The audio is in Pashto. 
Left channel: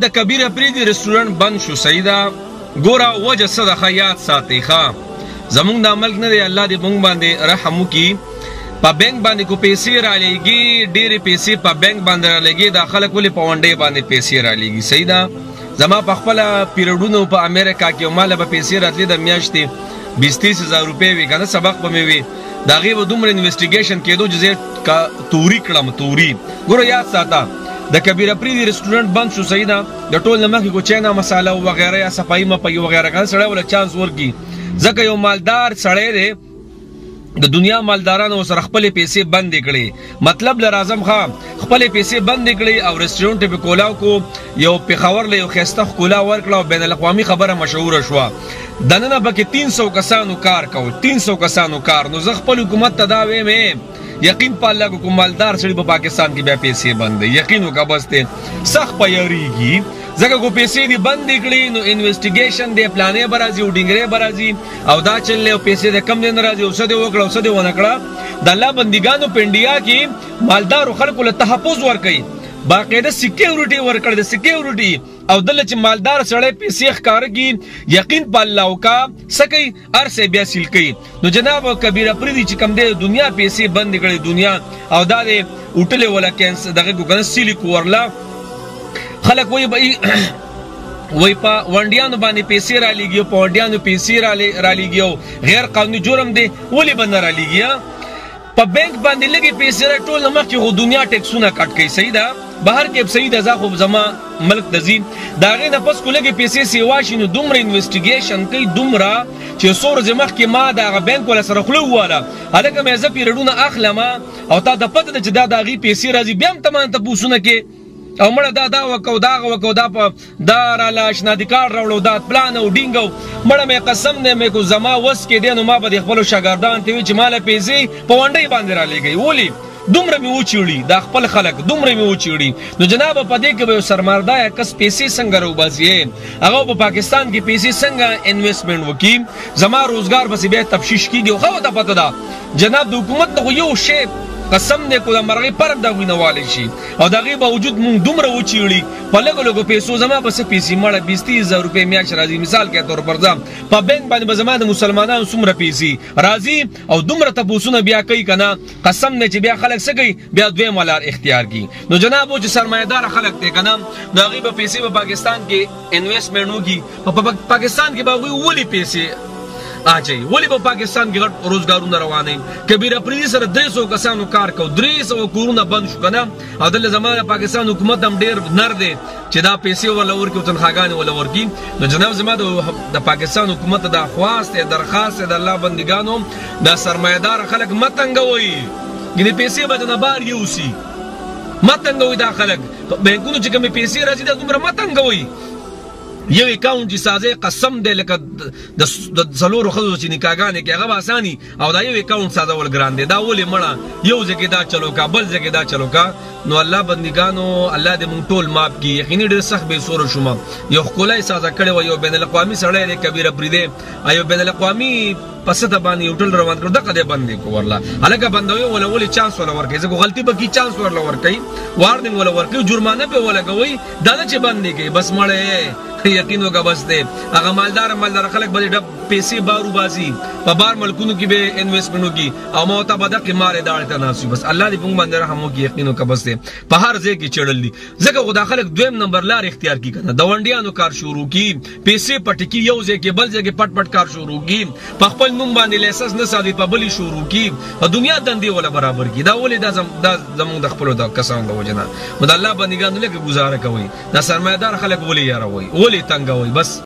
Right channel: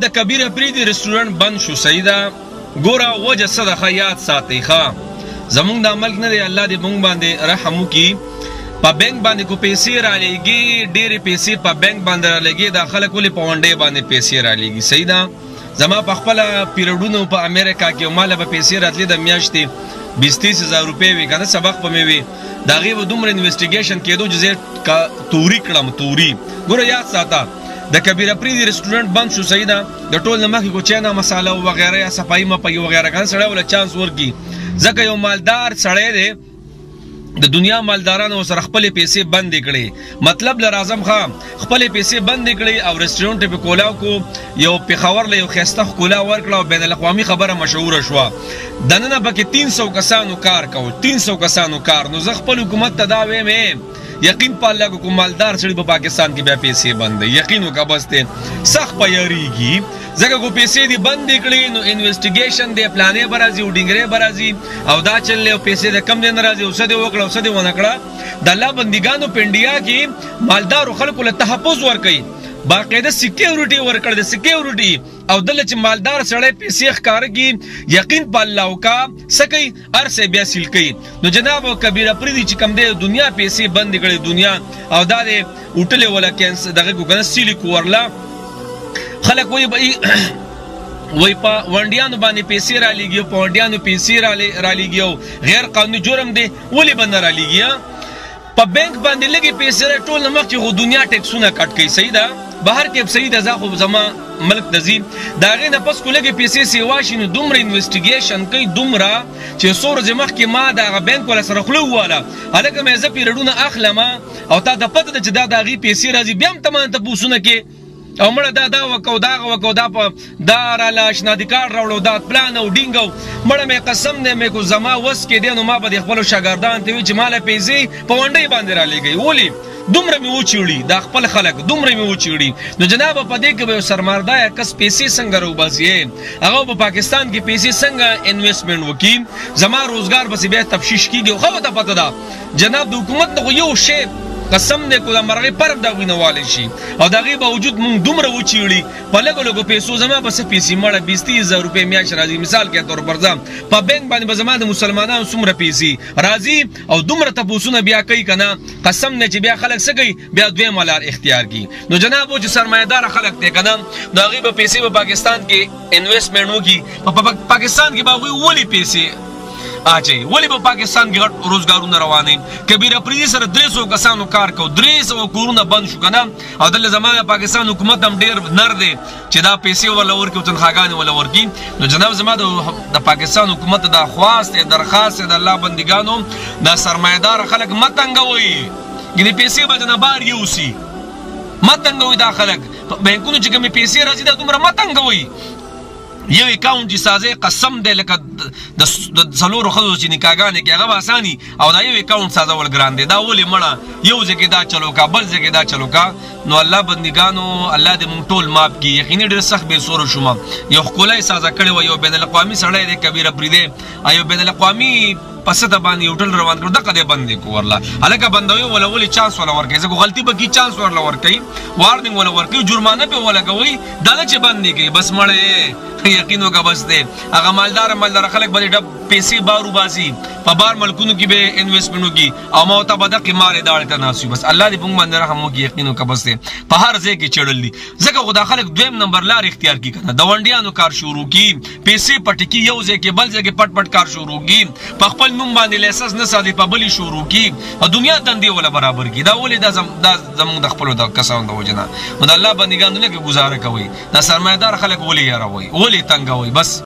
د کبیر افریدي رستورانت بند شو سیدا ګوره وجه صدقه یاد ساتي ښا زمونږ د ملک نه دی الله دې مونږ باندې رحم وکړي په بینک باندې کو پیسې را لېږي ډېرې پیسې په بینک باندې را لېږي دا خلک ولې په ونډې باندې پیسې را لېږي سیدا زما په خپله پیریډونو په امریکا کې ماله به پیسې راتلې د میاشتې 20-30 هزار روپۍ وي که نه سبق به مې وي د هغې به دومره انویسټیګیشن کېدو چې زه توري کړم توري ګوره یاد ساته د کبیر افریدي رستورانت بند شو سیدا د ټول نه مخکې کو چاینا مساله وغیره یا صفایي مپایي وغیره کنه سړی ولا چانس ورکړي ځکه یو مالدار سړی دی د دنیا مالدارانو سره خپل پیسې بند کړي مطلب لر اعظم خان خپل پیسې بند کړي او رستورانت په کولاو کو یو پیښور له یو خسته کولا ورکړه او بین الاقوامي خبره مشهور شوه دنه پکې 300 کسانو کار کو 300 کسانو کار نو زه خپل حکومت ته دا وایم یقین په الله کو مالدار سړي په پاکستان کې بیا پیسې بند یقین وکړه بس ته سخت پیریږي ځکه کو پیسې دی بند کړي نو انویسټیګیشن دی پلانې برازي او ډینګرې برازي او دا چلې او پیسې د کم نه راځي او څه دی وکړه او څه دی ونه کړه د الله بندګانو په انډیا کې مالدار خلکو له تحفظ ورکړي باقاعده سکیورټي ورکړي د سکیورټي او دله چې مالدار سړی پیسې ښکارږي یقین په الله وکا سکی ارسه بیا سیل کوي نو جناب کبیر افریدي چې کم دی دنیا پیسې بند کړي دنیا او دا دی اوټلې ولا کینس دغه ګوګن سیلی کورلا خلک وای په ونډیانو باندې پیسې را لېږي په ونډیانو پیسې را لېږي غیر قانوني جرم دی ولې بند را لېږي په بانک باندې لګي پیسې ټول نمک چې دنیا ټیکسونه کټ کوي صحیح ده بهر کې صحیح ده زه خو زما ملک د زین دا غي نه پس کو لګي پیسې سیوا شنو دومره انویسټیګیشن کوي دومره چې سور زمخ کې ما دا بانک ولا سره خلو واله الګه مې زه پیرډونه اخلم او تا د پته چې دا غي پیسې راځي بیا هم تمام ته پوسونه کې او مړه دا وکاو دا په دا را لاشنادي کار راوړو دا پلان او ډینګو مړه مې قسم نه مې کو زما وس کې دینو ما به خپل شاګردان ته وی چې مال پیسې په ونډې باندې را لګي ولی دومره مې وچیړي دا خپل خلک دومره مې وچیړي نو جناب په دې کې به سرمایدار کس پیسې څنګه روباسي هغه په پاکستان کې پیسې څنګه انویسټمنټ وکي زما روزګار به بیا تفشیش کیږي خو ته پته ده جناب د حکومت نه یو شی قسم دې کو د مرغې پرم دا وینوالی شي او دغه باوجود مونږ دومره وچیړي په لګو پیسو زما بس پیسې مړه 20-30 هزار روپۍ میاش راځي مثال کې تور پر ځم په بانک باندې به زما د مسلمانانو څومره پیسې راځي او دومره تاسو بیا کوي کنه قسم نه چې بیا خلک سګي بیا دوی مالار اختیار کی نو جناب او چې سرمایدار خلک ته کنه نو هغه به پیسې په پاکستان کې انویسټمنټ وکي په پاکستان کې به وی پیسې اچي ولی په پاکستان کې غټ روزګارونه روانه کبیر افریدي سره 300 کسانو کار کو 300 کورونه بند شو کنه او د زمانه پاکستان حکومت هم ډیر نر دی چې دا پیسې ولا ورکو تنخواګان ولا ورکی نو جناب زماده د پاکستان حکومت د خواست درخواست د الله بندګانو د سرمایدار خلک متنګوي ګنې پیسې بدنه بار یوسی متنګوي دا خلک بانکونو چې کوم پیسې راځي دا دومره متنګوي یو اکاونټ چې سازه قسم دې لکه د څلورو خزو چې نکاګانې کې هغه اساني او دا یو اکاونټ سازه ول ګران دی دا ولې مړه یو ځکه دا چلو کا بل ځکه دا چلو کا نو الله بندګانو الله دې مونږ ټول ماف کړي یقیني ډېر سخت به سور شوم یو خولای سازه کړي و یو بین الاقوامي سړی دی کبیر افریدي ایو بین الاقوامي پسته باندې یو ټل روان کړو دغه دې باندې کو ورلا هلکه بندوي ولا ولې چانس ولا ورکې زه غلطي به کی چانس ورلا ورکې وارننګ ولا ورکې جرمانه په ولا کوي دا چې باندې کې بس مړې یقین وکړه بس دې هغه مالدار خلک به ډب پیسې بارو باسي په بار ملکونو کې به انویسټمنټ وکي او موته به د قمار ادارې ته ناسي بس الله دې موږ باندې رحم وکړي یقین وکړه بس دې په هر ځای کې چړل دي ځکه خدا خلک دویم نمبر لار اختیار کی کنه د ونډیانو کار شروع کی پیسې پټکی یو ځای کې بل ځای کې پټ کار شروع کی په خپل نوم باندې لیسنس نه سادي په بلی شروع کی دنیا دندې ولا برابر کی دا ولې دا زموږ د خپل د کسان د وجنه مد الله بندګانو له گزاره کوي دا سرمایدار خلک ولې یاروي ولې تنګوي بس